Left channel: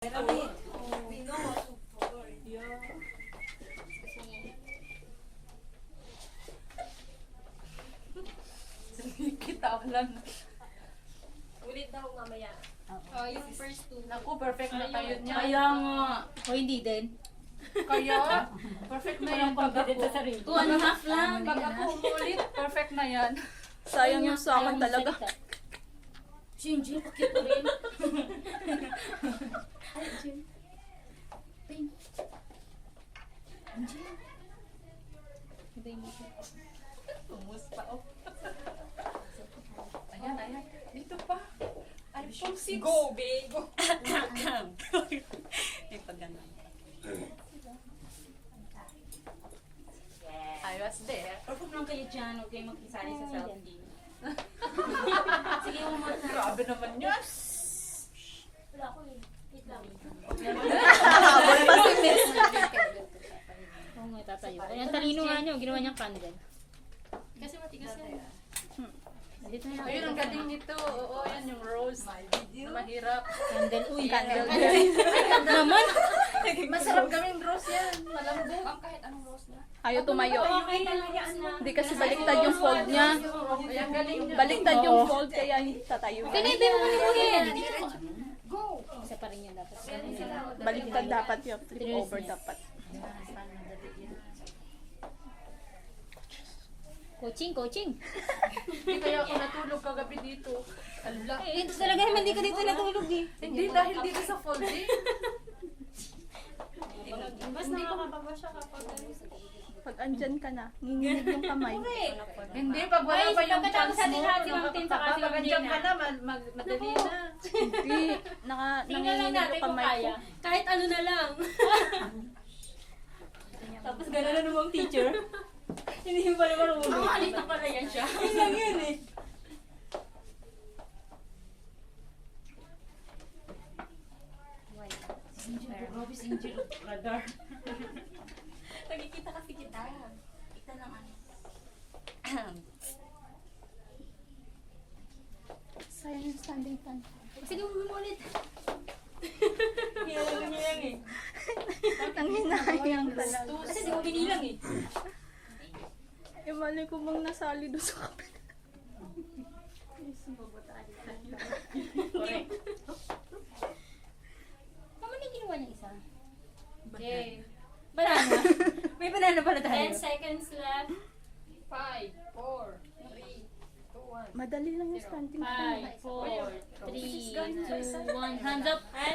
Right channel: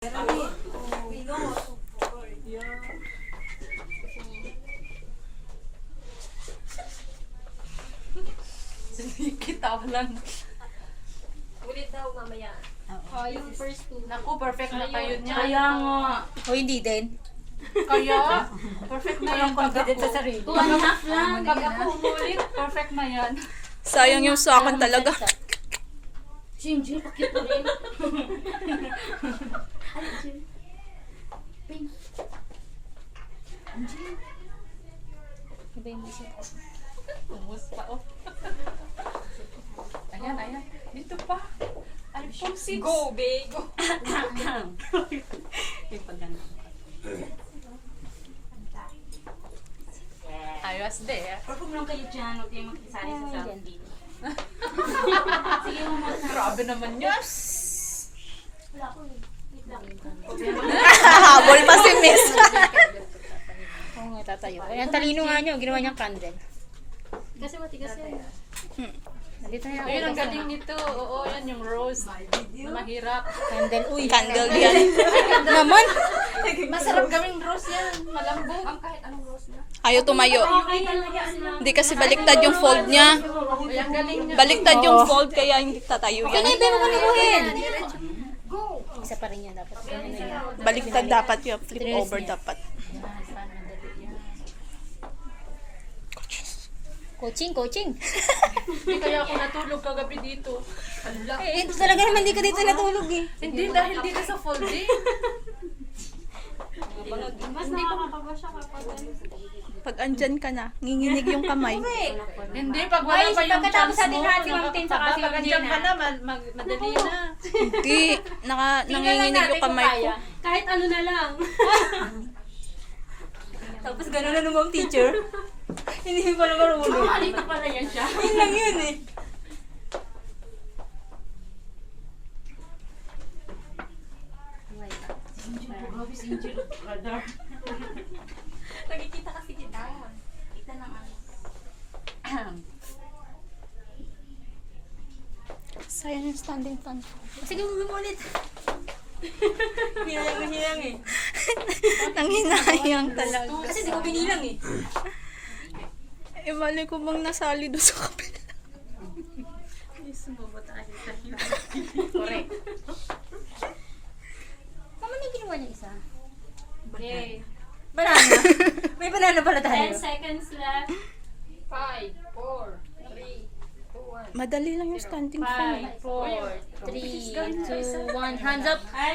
Kita lang. Ulit daw mamaya. Yung first two. Naku, perfect na kayo niya. Kaya nga. O hindi din. Kaya, perfect na yan. Pag ako, sa sarili. 2.5 lang. pag ako umulit, perfect na yan. Sayang yung sa akin talaga. Jinji, pakit mo rin. Iba yung isip ko. Tumus pa, oh. Ayan, ayan. Dito pa. iPhone 6. Go, babe. Go. Yung paganda. I was there. Perform lang kayo dyan. Huwag kayo makisali sa selfie. Sige mo muna. Grabe naman yun. Habol pa si Miss. Oo nga, tatayo. Ay, ang talino nga nyo. Ginawa niyang candle. Kasi matigas yan. Nandito na Ayun, ang galing nito. Oo, yan yung rose. Na mahirap. Candle. Uy. Candle yan. Naman. Masarap gawing rose yan. Malambot. Kahit anong rose na. Ayaw tumayo. Hindi kasi baliktad yung fold niya. Ay, ang galing niya. Baliktad yung fold kaya hindi tatayo Kaya yan. iba mo manuhin. Isa pa rin yan dapat. Baliktad dapat yung flip over dapat. Yan, paano madali yan. Coaching. Hindi kaya ako natulog kagabi dito. Ala. Eh, ito talaga naman di ka dito natulog eh. Hindi, dahil dito sa folding. Mas nakakakaba siya kapag Pag andyan ka na, nginginig yung kamay. Hindi, pag wala Ay, pa yung pagkatapos chance natin mo. hati ng tin sa kasi Pag yung andyan Gina. ka na, madali na. Hindi, nanginginig yung kamay ko. kahit ano na lang. Tapos gano'n na naman teacher. Hindi pa na marunong. Alito pala yan siya. Yun lang yun eh. Grabe si Angel. Radar. Nagkikita kasi kita. Kita lang ano. Sayang yung standing fan. Sige, ulit. Hinilang eh. Nanghinayang talaga. Kasi di ko binilang eh. Eh, mali ko bang nasali doon sa kapila. Correct. Tama na yung ginawa niya isa. Yay. Banana. May banana pala 10 tayo. seconds left. 5, 4, 3, 2, 1. Madali lang yung standing fan. 5, 4, 3, 2, 1. Hands up.